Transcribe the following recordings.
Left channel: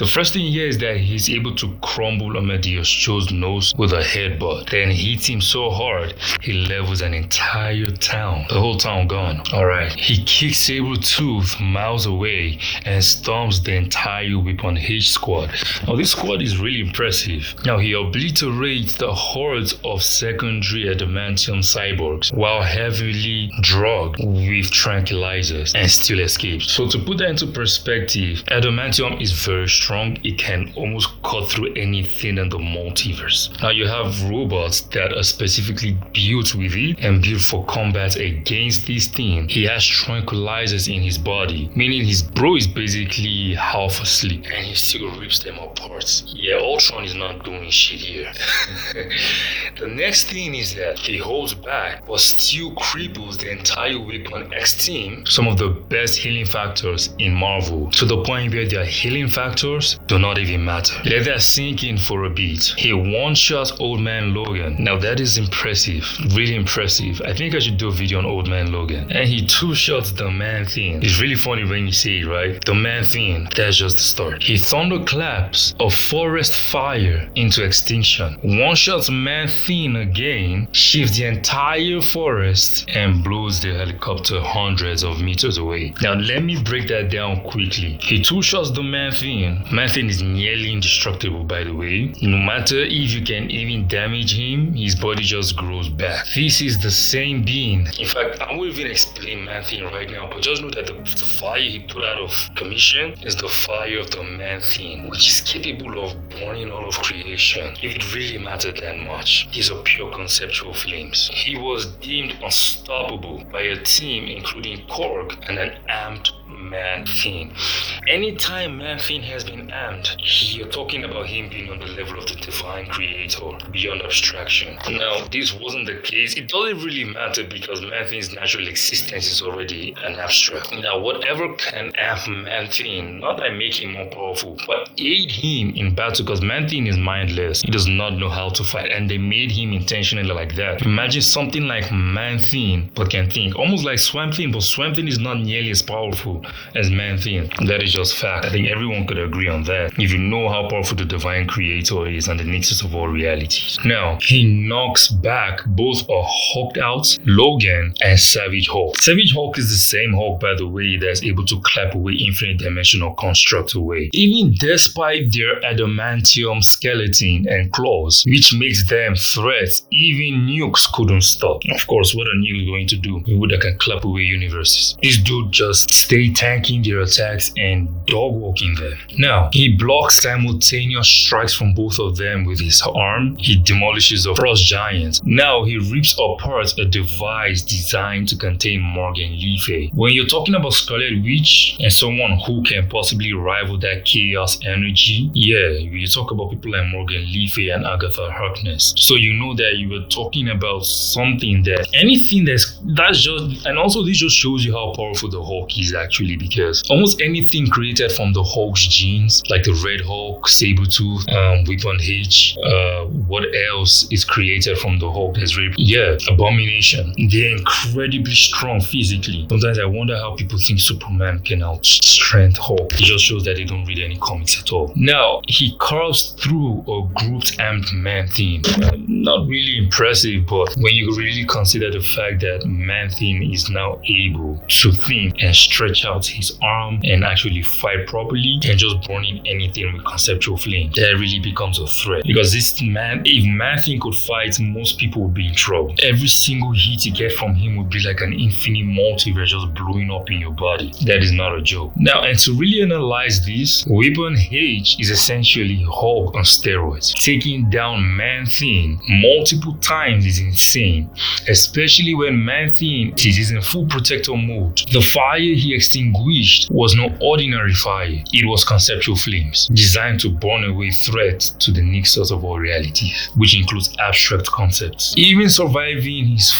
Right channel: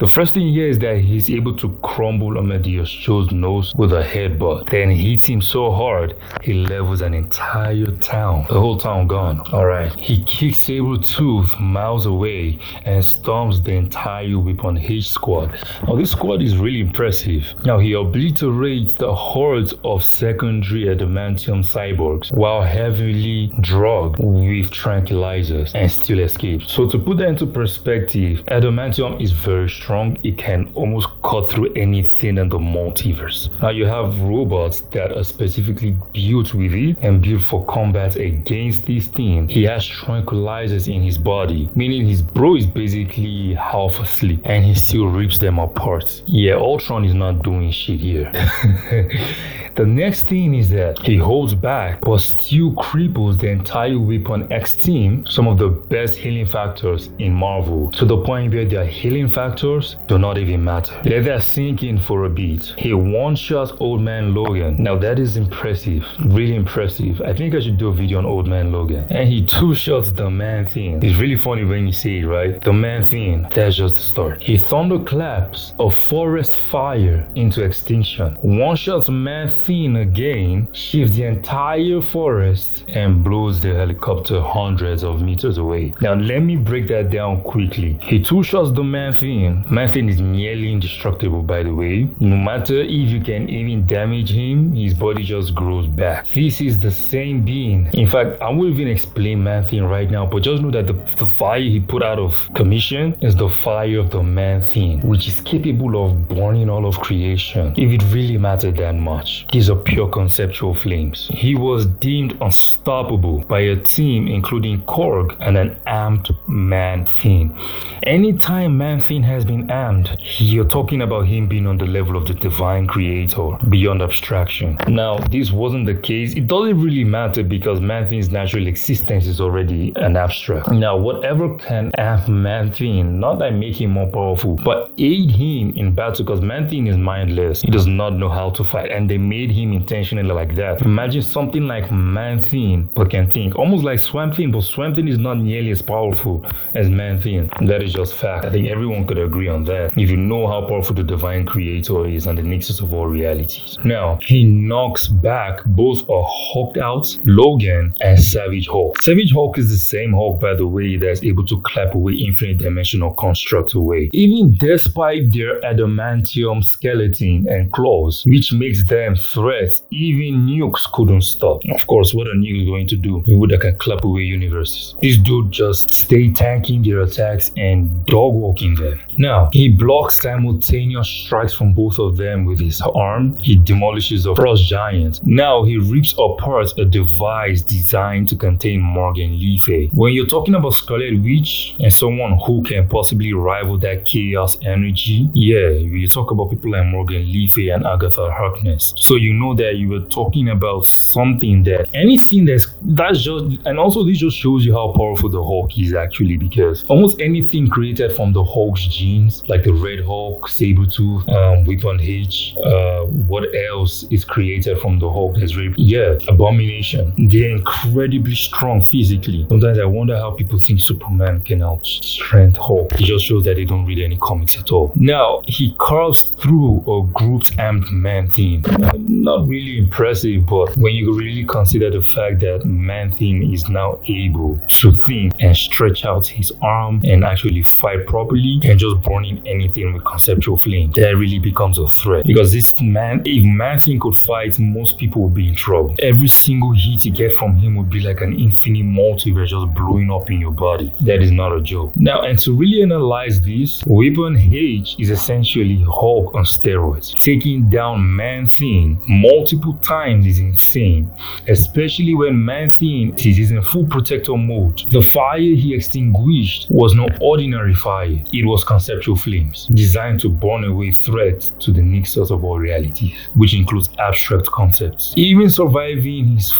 The first thing here is that he's able to crumble Amadeus Cho's nose with a headbutt, then hits him so hard he levels an entire town. The whole town gone. Alright, he kicks Sabretooth miles away and storms the entire Weapon H squad. Now this squad is really impressive. Now he obliterates the hordes of secondary Adamantium cyborgs while heavily drugged with tranquilizers and still escapes. So to put that into perspective, Adamantium is very strong. It can almost cut through anything in the multiverse. Now you have robots that are specifically built with it and built for combat against this thing. He has tranquilizers in his body, meaning his bro is basically half asleep and he still rips them apart. Yeah, Ultron is not doing shit here. The next thing is that he holds back but still cripples the entire Weapon X team, some of the best healing factors in Marvel, to the point where their healing factors do not even matter. Let that sink in for a bit. He one-shots Old Man Logan. Now that is impressive, really impressive. I think I should do a video on Old Man Logan. And he two-shots the Man-Thing. It's really funny when you say it, right? The Man-Thing, that's just the start. He thunderclaps a forest fire into extinction. One-shots Man-Thing again, shifts the entire forest and blows the helicopter hundreds of meters away. Now let me break that down quickly. He two-shots the Man-Thing. Man-Thing is nearly indestructible, by the way. No matter if you can even damage him, his body just grows back. This is the same being. In fact, I won't even explain Man-Thing right now, but just know that the fire he put out of commission is the fire of the Man-Thing, which is capable of burning all of creation, if it really mattered that much. These are pure conceptual flames. He was deemed unstoppable by a team including Korg and an armed Man-Thing. Anytime Man-Thing has been armed, you're talking about him being on the level of the divine creator, beyond abstraction. Now, this wasn't the case. It doesn't really matter because Man-Thing's natural existence is already an abstract. Now, whatever can amp Man-Thing, not like make him more powerful, but aid him in battle, because Man-Thing is mindless. He does not know how to fight, and they made him intentionally like that. Imagine something like Man-Thing, but can think. Almost like Swamp Thing, but Swamp Thing is not nearly as powerful as Man-Thing. That is just fact. I think everyone could agree on that, if you know how powerful the divine creator is and the nexus of all realities. Now, he knocks back both a hulked out Logan and Savage Hulk. Savage Hulk is the same Hulk, by the way, that's able to clap away infinite dimensional constructs away, even despite their adamantium skeleton and claws, which makes them threats even nukes couldn't stop. Of course, what a nuke is going to do that can clap away universes? This dude just stay tanking their attacks and dog walking them. Now, he blocks simultaneous strikes from both of them with his arm. He demolishes a frost giant. Now he rips apart a device designed to contain Morgan Le Fay. When you're talking about Scarlet Witch and someone who can possibly rival that chaos energy, yeah, you talk about people like Morgan Le Fay and Agatha Harkness. So you know that you were talking about something that anything that's just, and also this just shows you how powerful the Hulk is actually, because almost anything created from the Hulk's genes, like the Red Hulk, Sabretooth, Weapon H, what else is created from the Hulk? Abomination. They're incredibly strong physically. Sometimes I wonder how people think Superman can outstrength Hulk. It just shows that they don't read any comics at all. Now, he carves through a grouped armed Man-Thing. Not really impressive, but when you really consider the fact that Man-Thing is now able to think and stretch out his arm and actually fight properly and just burning anything with conceptual flame, that really becomes a threat. Because this man, if Man-Thing could fight, most people would be in trouble. Every single hit you get from him would be like an infinite multiverse just blowing up in your body. That is not a joke. Now, and to really analyze this, Weapon H is essentially Hulk on steroids. Taking down Man-Thing multiple times is insane, especially when Man-Thing is in full protector mode. The fire he extinguished was no ordinary fire. It was conceptual flames designed to burn away threats to the nexus of all realities, which includes abstract concepts. Even surviving his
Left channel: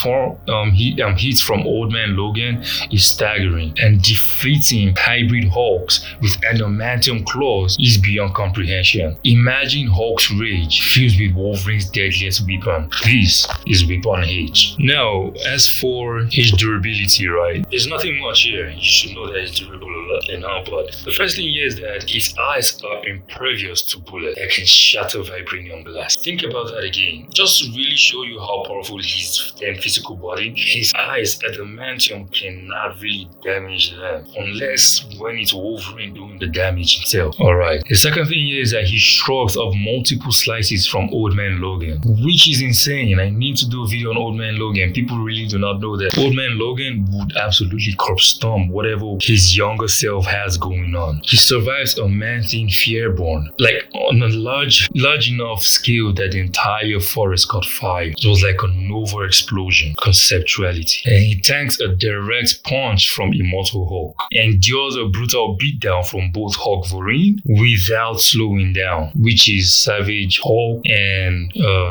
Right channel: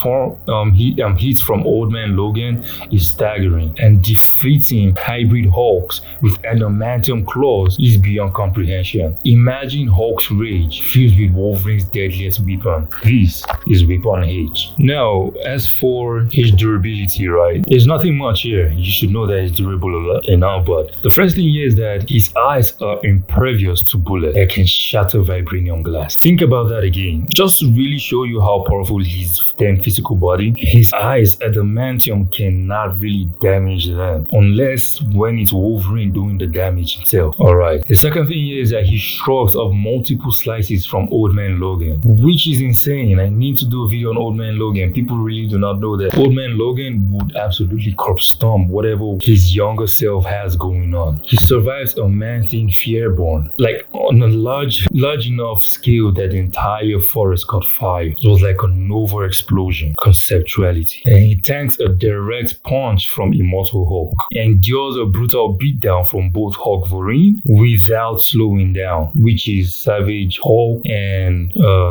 hits from Old Man Logan is staggering, and defeating hybrid Hulks with adamantium claws is beyond comprehension. Imagine Hulk's rage fused with Wolverine's deadliest weapon. This is Weapon H. Now, as for his durability, right, there's nothing much here. You should know that it's durable a lot and all, but the first thing here is that his His eyes are impervious to bullets that can shatter vibranium glass. Think about that again. Just to really show you how powerful his physical body, his eyes, adamantium cannot really damage them unless when it's Wolverine doing the damage himself. Alright, the second thing here is that he shrugs off multiple slices from Old Man Logan, which is insane. I need to do a video on Old Man Logan. People really do not know that Old Man Logan would absolutely corpse stomp whatever his younger self has going on. He survives a man-thing Fearborn, like on a large enough scale that the entire forest caught fire. It was like a nova explosion conceptuality. And he tanks a direct punch from Immortal Hulk, endures a brutal beatdown from both Wolverine without slowing down, which is Savage Hulk and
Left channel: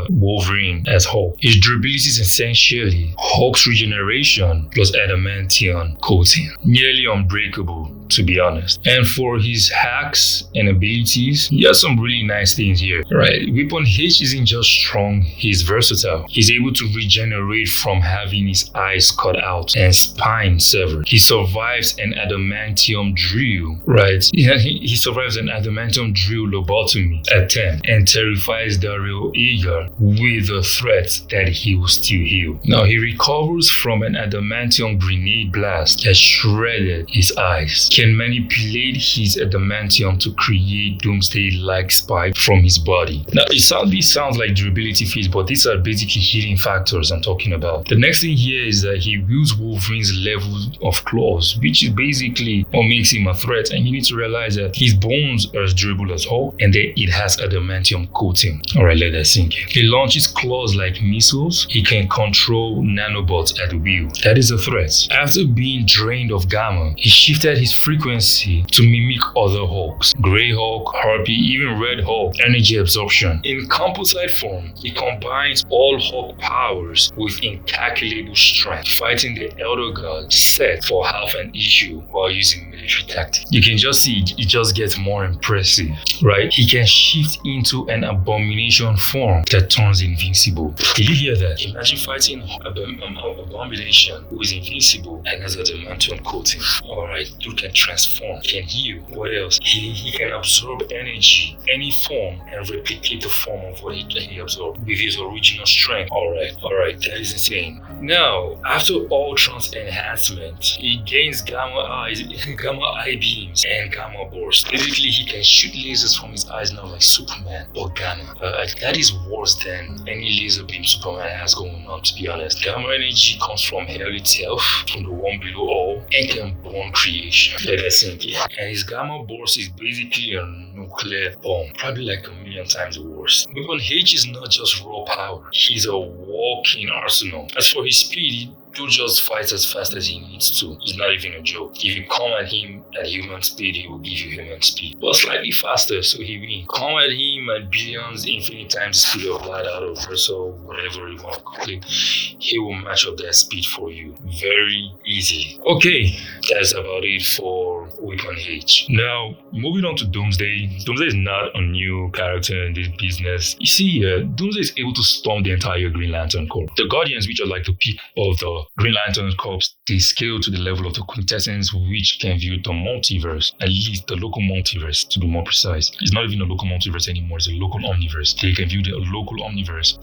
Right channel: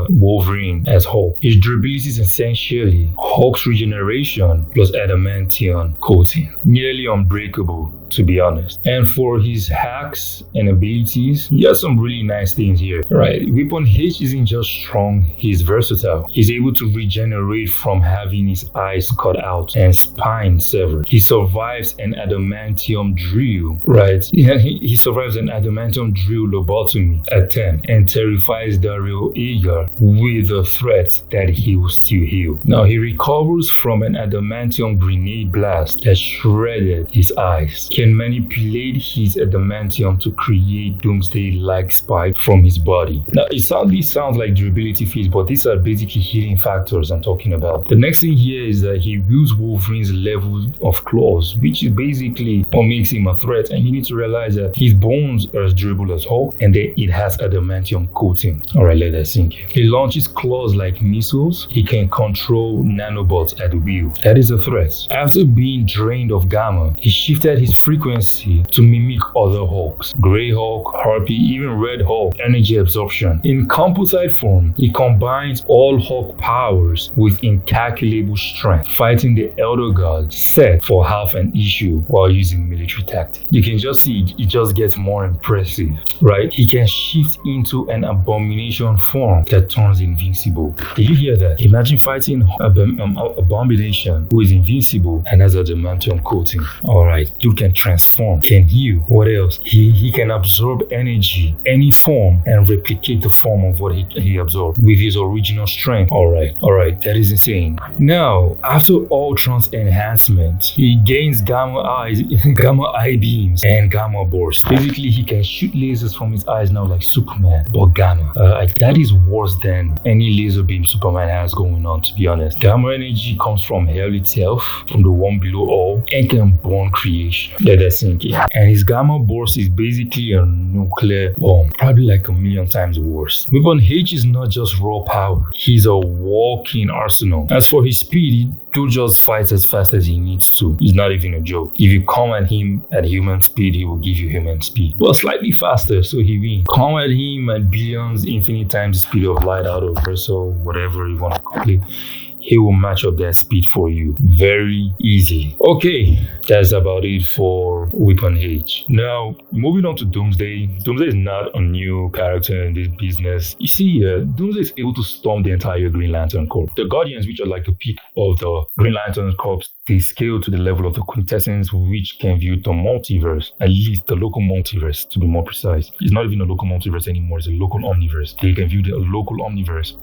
Wolverine as Hulk. His durability is essentially Hulk's regeneration plus adamantium coating. Nearly unbreakable, to be honest. And for his hacks and abilities, he has some really nice things here. Right, Weapon H isn't just strong, he's versatile. He's able to regenerate from having his eyes cut out and spine severed. He survives an adamantium drill, right? Yeah, he survives an adamantium drill lobotomy attempt and terrifies Daryl Eager with the threat that he will still heal. Now he recovers from an adamantium grenade blast that shredded his eyes. Can manipulate his adamantium to create Doomsday-like spike from his body. Now, it sounds like durability feats, but these are basically healing factors I'm talking about. The next thing here is that he wields Wolverine's level of claws, which is basically what makes him a threat. And you need to realize that his bones are as durable as Hulk, and then it has adamantium coating. Alright, let that sink in. He launches claws like missiles. He can control nanobots at will. That is a threat. After being drained of gamma, he shifted his frequency to mimic other Hulks. Grey Hulk, Harpy, even Red Hulk, energy absorption. In composite form, he combines all Hulk powers with incalculable strength, fighting the Elder God set for half an issue while using military tactics. You can just see it just gets more impressive, right? He can shift into an abomination form that turns invincible. Did you hear that? Imagine fighting abomination who is invincible and has adamantium coating. Alright, dude can transform, can heal. What else? He can absorb energy, any form, and replicate the form of what he absorbed with his original strength. Alright, that is insane. Now, after Ultron's enhancement, he gains gamma eye beams and gamma burst. Basically, he can shoot lasers from his eyes now like Superman, but gamma. That is worse than any laser beam Superman has going on, to be honest. Gamma energy comes from hell itself, from the one below all, and can burn creation. Let that sink in. And his gamma burst is basically a nuclear bomb, probably like a million times worse. Weapon H is not just raw power, he's a walking arsenal. As for his speed, he just fights as fast as he needs to. It's not even a joke. If you come at him at human speed, he will give you human speed. Well, slightly faster, so he wins. Come at him at billions, infinite times the speed of light out of Verso, whatever you want to call it. He will match up that speed for you very easily. Okay, that's about it for Weapon H. Now, moving on to Doomsday. Doomsday is not a new character in this business. You see, Doomsday is able to storm the entire Green Lantern Corps. The Guardians, which are like the peak of the Green Lantern Corps, they scale to the level of the quintessence, which can view the multiverse, at least the local multiverse to be more precise. It's not even a local multiverse anymore, it's a local omniverse. They can view the local omniverse.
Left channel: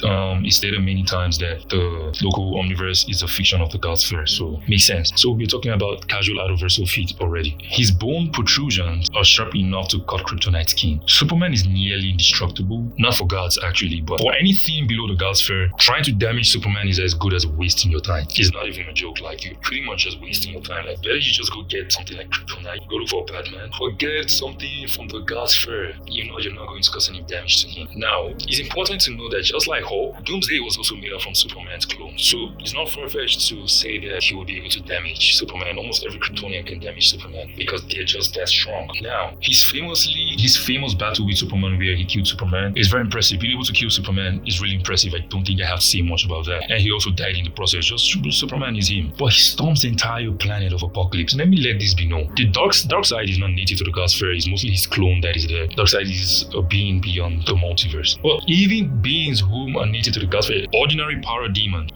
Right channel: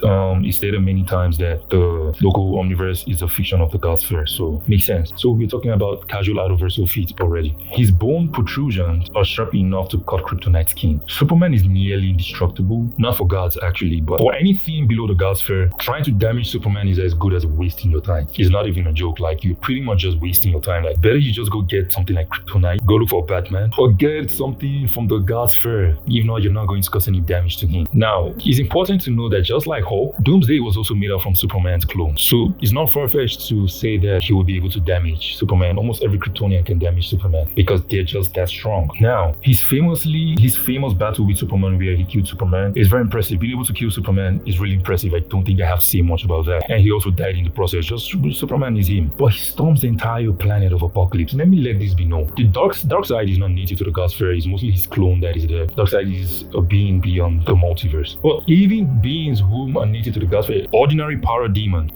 It's stated many times that the local omniverse is a fiction of the gods first, so makes sense. So we're talking about casual out-of-verso feats already. His bone protrusions are sharp enough to cut Kryptonite skin. Superman is nearly indestructible, not for gods actually, but for anything below the god sphere, trying to damage Superman is as good as wasting your time. It's not even a joke. Like, you're pretty much just wasting your time. Like, better you just go get something like Kryptonite, go look for Batman, or get something from the god sphere. You know you're not going to cause any damage to him. Now, it's important to know that just like Hulk, Doomsday was also made up from Superman's clone. So it's not far-fetched to say that he will be able to damage Superman. Almost every Kryptonian can damage Superman because they're just that strong. Now, his famous battle with Superman where he killed Superman is very impressive. Being able to kill Superman is really impressive. I don't think I have to say much about that. And he also died in the process. Just Superman is him. But he storms the entire planet of Apocalypse. Let me let this be known. The dark side is not native to the God's Fair. It's mostly his clone that is there. Dark side is a being beyond the multiverse. But even beings whom are native to the God's Fair, ordinary power demons,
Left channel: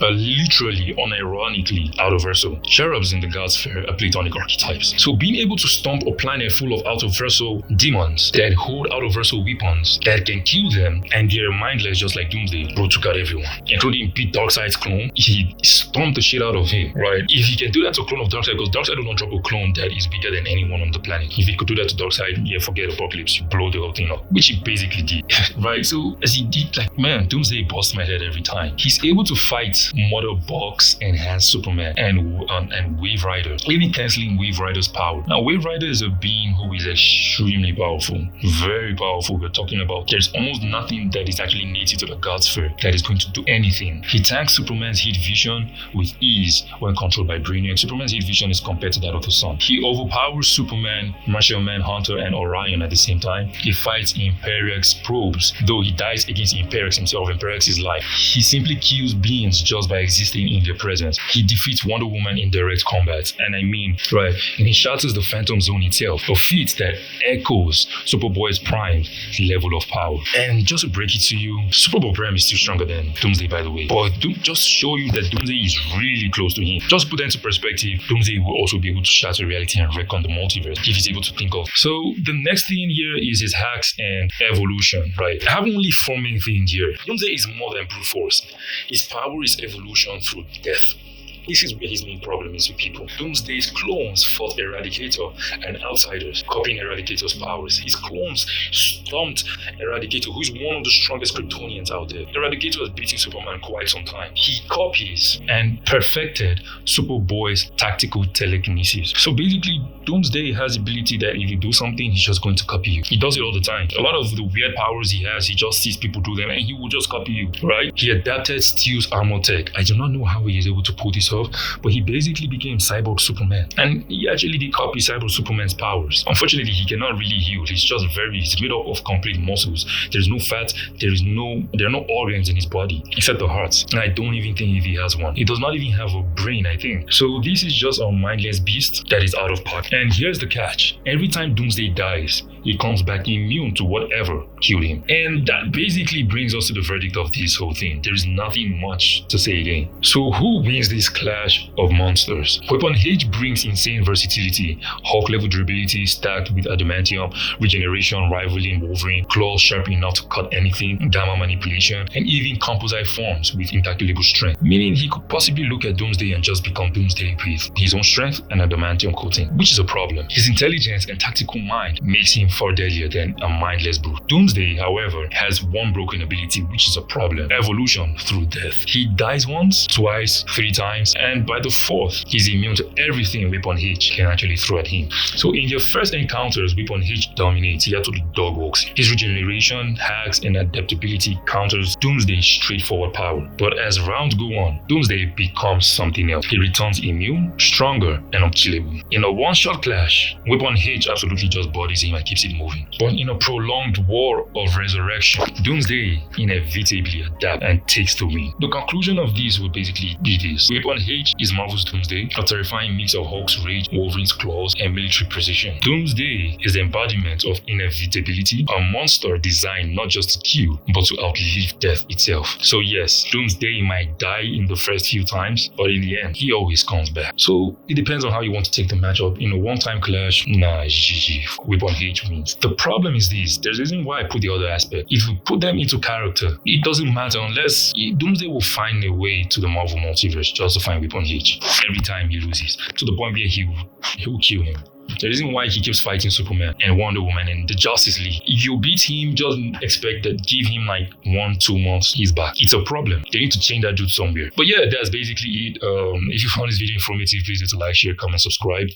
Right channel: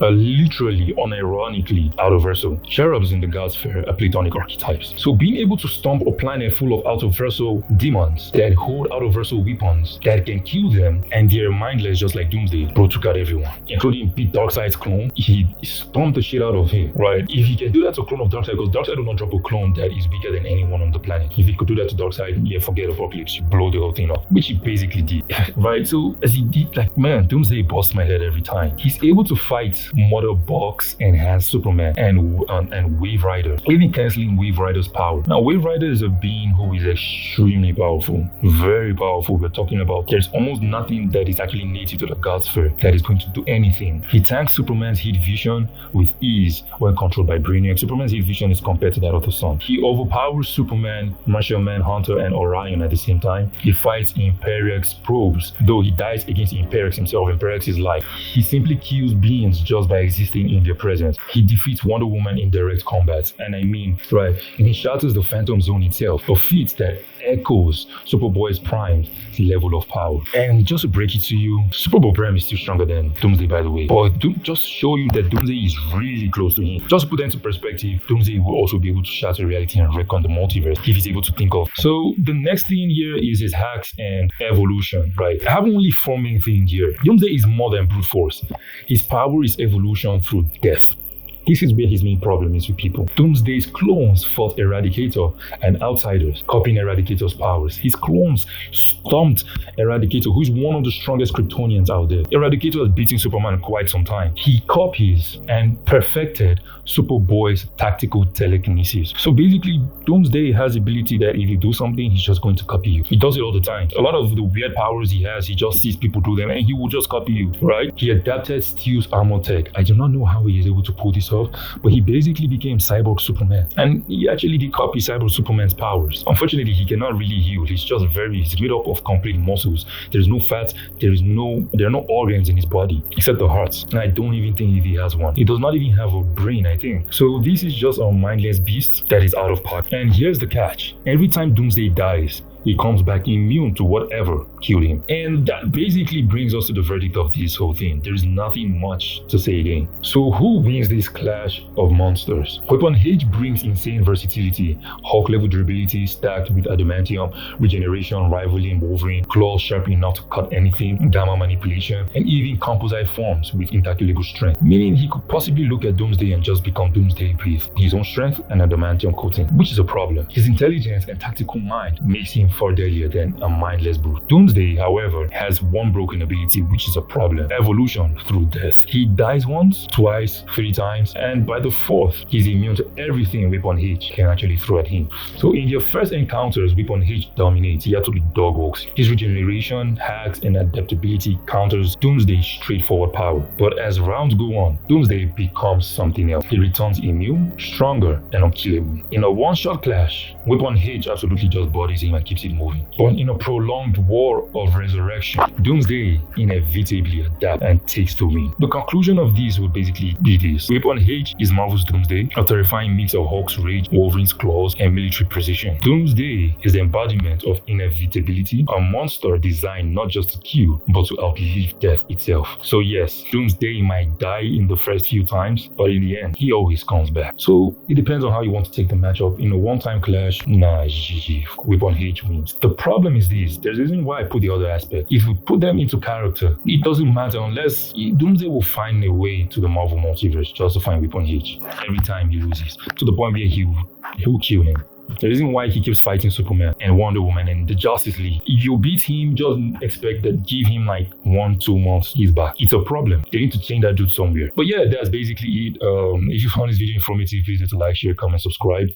are literally, unironically, out-of-versal. Cherubs in the God's Fair are platonic archetypes. So being able to stomp a planet full of out-of-versal demons that hold out-of-versal weapons that can kill them, and they're mindless just like Doomsday, bro took out everyone, including Pete Darkseid's clone. He stomped the shit out of him, right? If he can do that to a clone of Darkseid, because Darkseid will not drop a clone that is bigger than anyone on the planet. If he could do that to Darkseid, yeah, forget Apocalypse, you blow the whole thing up, which he basically did, right? So as he did, like, man, Doomsday busts my head every time. He's able to fight Mother Box, Enhanced Superman, and Wave Rider, even canceling Wave Rider's power. Now, Wave Rider is a being who is extremely powerful, very powerful. We're talking about there's almost nothing that is actually native to the God's Fair that is going to do anything. He tanks Superman's heat vision with ease when controlled by Brainiac. Superman's heat vision is compared to that of the sun. He overpowers Superman, Martian Manhunter, and Orion at the same time. He fights Imperiex probes, though he dies against Imperiex himself. Imperiex is life. He simply kills beings just by existing in their presence. He defeats Wonder Woman in direct combat, and he shatters the Phantom Zone itself, a feat that echoes Superboy's prime level of power. And just to break it to you, Superboy Prime is still stronger than Doomsday, by the way. But just show you that Doomsday is really close to him. Just to put that into perspective, Doomsday will also be able to shatter reality and wreck on the multiverse if he's able to think of. So the next thing here is his hacks and evolution, right? I have only 4 main things here. Doomsday is more than brute force. His power is evolution through death. This is where his main problem is with people. Doomsday's clones fought Eradicator and outsiders, copying Eradicator's powers. His clones stomped Eradicator, who is one of the strongest Kryptonians out there. Eradicator has beaten Superman quite some time. He copies and perfected Superboy's tactical telekinesis. So basically, Doomsday has the ability that if you do something, he's just going to copy you. He does it all the time. A lot of the weird powers he has, he just sees people do them and he will just copy you, right? He adapted Steel's armor tech. I do not know how he is able to pull this off, but he basically became Cyborg Superman, and he actually did copy Cyborg Superman's powers. Unfortunately, he cannot really heal. He's made up of complete muscles. There's no fat, there are no organs in his body except the heart, and I don't even think if he has one. He does not even have a brain, I think. So this is just a mindless beast that is out of pocket. And here's the catch: every time Doomsday dies, he comes back immune to whatever killed him. And that basically brings us to the verdict of this whole thing. There is nothing much to say again. So who wins this clash of monsters? Weapon H brings insane versatility, Hulk level durability stacked with Adamantium, Regeneration rivaling Wolverine, claws sharp enough to cut anything, gamma manipulation, and even composite forms with incalculable strength. Meaning he could possibly look at Doomsday and just become Doomsday with his own strength and Adamantium coating, which is a problem. His intelligence and tactical mind makes him far deadlier than a mindless brute. Doomsday, however, has one broken ability, which is a problem: evolution through death. He dies once, twice, 3 times, and by the 4th, he's immune to everything Weapon H can actually throw at him. So in your first encounters, Weapon H dominates. He had to do dog walks. His regeneration, hacks, and adaptability counters Doomsday's straightforward power. But as rounds go on, Doomsday becomes something else. He returns immune, stronger, and unkillable. In a one-shot clash, Weapon H absolutely just bodies him and keeps it moving. But in a prolonged war of resurrection, Doomsday inevitably adapts and takes the win. The conclusion of this would basically be this: Weapon H is Marvel's Doomsday, a terrifying mix of Hulk's rage, Wolverine's claws, and military precision. Doomsday is the embodiment of inevitability, a monster designed not just to kill, but to outlive death itself. So yes, Doomsday might die in the first few times, but in the end, he always comes back. So it depends on how you want to take the matchup. In a one-time clash, nah, GG, Weapon H wins. The problem is this: there's a reason why I put the other aspect. If we put them into character, it doesn't matter unless Doomsday will find a way to the Marvel multiverse just to find Weapon H every time he loses, to the point where he will kill him. The reason why he keeps fighting Superman and Wonder Woman and the Justice League, if you beat him, just expect that, give him like 1-2 months, he's back. It's a problem. They need to change that dude somewhere. But yeah, that's basically it. If you found this video informative, please hit like, share, comment, subscribe.